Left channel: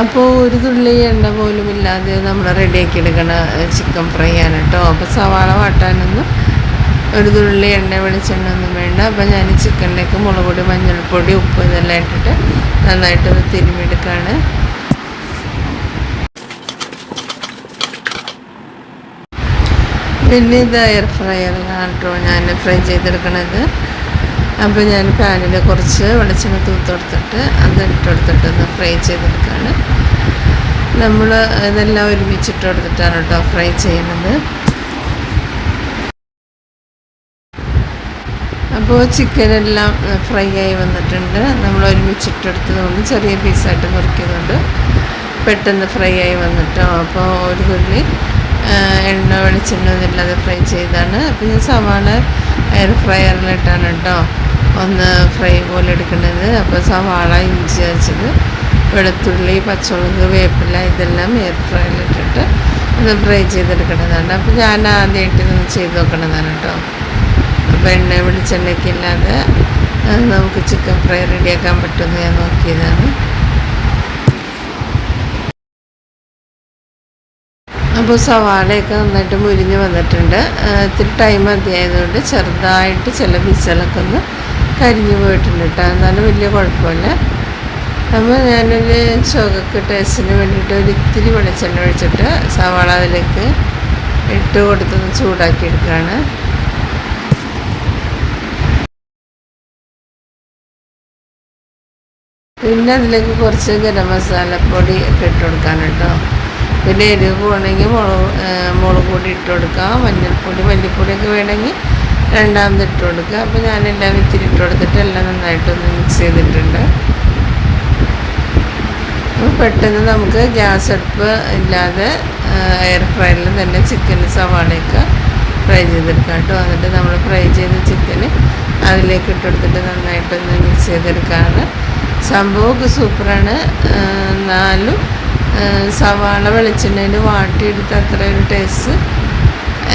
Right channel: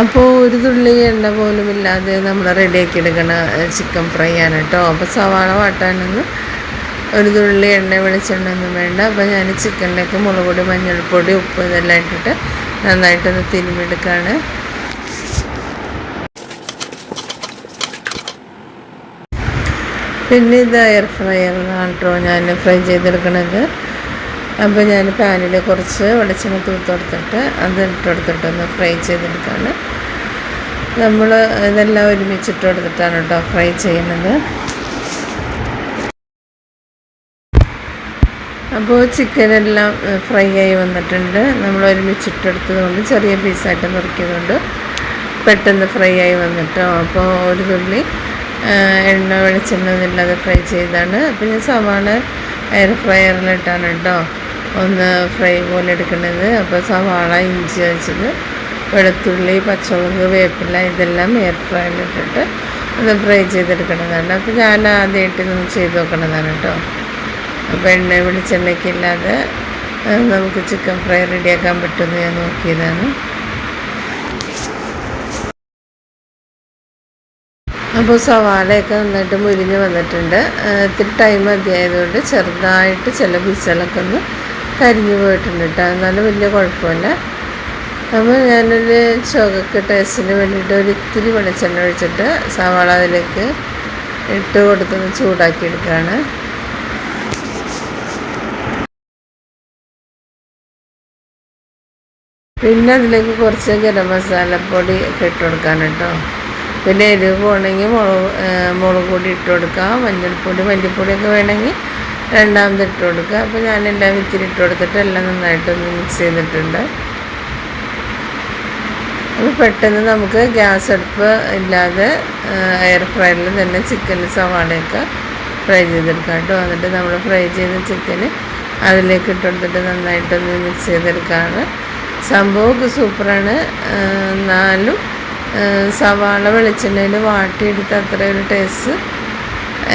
അപ്പോൾ ഒരു തുള്ളി എണ്ണ പോലും ഇല്ലാതെ നമ്മൾ റെഡിയാക്കി എടുക്കണ ചിക്കൻ ഫ്രൈ ആണ് കേട്ടോ. അപ്പോൾ സവാള വാട്ടാനൊന്നും ഒരു തുള്ളി എണ്ണ വെളിച്ചെണ്ണ ഒന്നും വേണ്ട. അപ്പോൾ ഞാൻ ചിക്കനിലേക്ക് മുളക് പൊടി, മഞ്ഞൾപ്പൊടി, ഉപ്പ് ഇതെല്ലാം ഇട്ടിട്ട് നന്നായിട്ടൊന്ന് തിരുമ്മിയെടുക്കുകയാണ്. പിന്നെ ഇത് എയർ ഫ്രയറിലാണ് കേട്ടോ ഞാൻ ഫ്രൈ ചെയ്തെടുക്കണത്. അപ്പോൾ ഞാൻ പാനിൽ കുറച്ച് വെളിച്ചെണ്ണ തൂത്തെടുത്തിട്ട് അത് ഇട്ടെടുത്തിട്ടൊന്ന് ഫ്രൈ ചെയ്തെടുക്കുകയാണ്. നമ്മൾ ഇതെല്ലാം ഒരുമിച്ചിട്ട് എടുത്തിട്ടാണ് കേട്ടോ ഫ്രൈ ചെയ്യുന്നത്. അപ്പോൾ ചിക്കനെല്ലാം ഫ്രൈ ആയി വന്നിട്ടുണ്ട്. നമ്മൾ ഒരുമിച്ചിട്ടെടുത്തത് കൊണ്ട് ചെറിയ പീസായിട്ട് നുറുക്കിയതുകൊണ്ട് പെട്ടെന്ന് ഫ്രൈ ആയി വന്നിട്ടോ. അപ്പോൾ ഒരു തുള്ളി എണ്ണ വെളിച്ചെണ്ണ ഒന്നുമില്ലാതെ ഫ്രൈ ചെയ്താണ്. അപ്പോൾ ഞാൻ സവാള എയർ ഫ്രയറിലിട്ടാണ് കേട്ടോ ഒന്ന് ഫ്രൈ പോലെ എടുക്കുന്നത്. അപ്പോൾ സവാള, ഇഞ്ചി വെച്ചത്, വെളുത്തുള്ളി, പച്ചമുളക്, വേപ്പില ഇതെല്ലാം എയർ ഫ്രയറിലിട്ടിട്ട് ഒന്ന് ഫ്രൈ ചെയ്തെടുക്കുന്നതാണ്. അപ്പോൾ ഞാൻ ആദ്യമായിട്ട് ഇതൊന്ന് ചെയ്ത് നോക്കണതാണ് കേട്ടോ. അപ്പോൾ എണ്ണ വെളിച്ചെണ്ണയ്ക്ക് ഇല്ലാതെ നമുക്ക് ചിക്കൻ ഫ്രൈ റെഡിയാക്കാൻ പറ്റുമെന്ന് ഞാൻ നോക്കിയതാണ്. അപ്പോൾ സവാളയൊക്കെ നന്നായിട്ട് മുരിഞ്ഞ് വന്നിട്ടുണ്ട്. ഇത്തിരി ടൈം മതിയായതുകൊണ്ട് ചെറുതായിട്ട് ചില പീസുകളൊക്കെ ഒന്ന് കരിഞ്ഞു പോയിട്ടുണ്ട് കേട്ടോ. എന്നാലും വലിയ കുഴപ്പമില്ല. അപ്പോൾ ഞാനൊരു ചുവക്ക് ടേസ്റ്റിന് വേണ്ടിയിട്ട് ഒരിത്തിരി വെളിച്ചെണ്ണ ഒഴിച്ചിട്ട് സവാള അതിലേക്ക് ഇട്ട് കൊടുത്തൊന്ന് ചൂടാക്കി എടുക്കുകയാണ്. പിന്നെ അതിലേക്ക് കുറച്ച് ഗരം മസാലപ്പൊടി ഒക്കെ ഇട്ട് കൊടുക്കാൻ കേട്ടോ. പിന്നെ എരിവ് പോകണമെങ്കിൽ മുളക് പൊടി ഇട്ട് കൊടുക്കാം, മഞ്ഞൾപ്പൊടി, മല്ലിപ്പൊടിയൊക്കെ വേണമെങ്കിൽ രണ്ടാമത് ഇട്ട് കൊടുക്കുക. അപ്പോൾ ഞാനെല്ലാം ഇത്തിരി ഇട്ട് കൊടുത്തിട്ട് എല്ലാം നന്നായിട്ടൊന്ന് മിക്സ് ചെയ്തിട്ടുണ്ട്. അപ്പോൾ പെട്ടെന്ന് നമുക്ക് ഗ്യാസ് അടുപ്പ് ഇല്ലാതെ എയർ ഫ്രയറിൽ തന്നെ ചിക്കന് സവാളയൊക്കെ ഫ്രൈ ചെയ്തെടുക്കാം കേട്ടോ. എന്നിട്ട് നമ്മൾ ഫ്രൈ ചെയ്ത ചിക്കന് അതിലേക്ക് ഇട്ട് കൊടുത്തിട്ട് നന്നായിട്ടൊന്ന് മിക്സ് ചെയ്തെടുക്കുകയാണ്. സംഭവമൊക്കെ സൂപ്പറാണ്. എന്നാലും സവാള വെളിച്ചെണ്ണയിൽ വാട്ടിയെടുത്ത് അത്ര ഒരു ടേസ്റ്റ്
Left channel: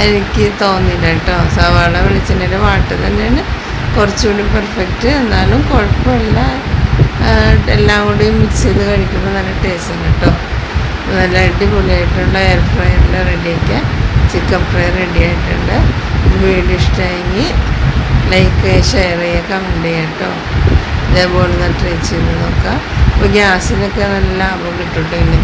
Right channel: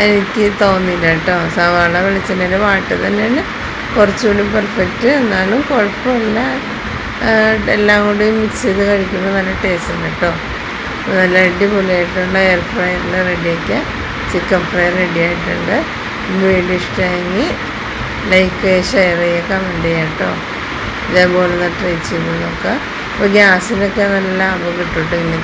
എനിക്ക് തോന്നിയില്ല കേട്ടോ. സവാള വെളിച്ചെണ്ണയിൽ വാട്ട് തന്നെയാണ് കുറച്ചുകൂടി പെർഫെക്റ്റ്. എന്നാലും കുഴപ്പമില്ല. എല്ലാം കൂടി മിക്സ് ചെയ്ത് കഴിക്കുമ്പോൾ നല്ല ടേസ്റ്റ് ഉണ്ട് കേട്ടോ. നല്ല അടിപൊളിയായിട്ടുള്ള എയർ ഫ്രയറിൽ റെഡിയാക്കിയ ചിക്കൻ ഫ്രൈ റെഡി ആയിട്ടുണ്ട്. വീഡിയോ ഇഷ്ടമായെങ്കിൽ ലൈക്ക് ചെയ്യുക, ഷെയർ ചെയ്യുക, കമൻറ്റ് ചെയ്യുക കേട്ടോ. ഇതേപോലെ ഒന്ന് ട്രൈ ചെയ്ത് നോക്കുക. അപ്പോൾ ഗ്യാസിനൊക്കെ നല്ല ലാഭം കിട്ടും കേട്ടോ ഇങ്ങനെ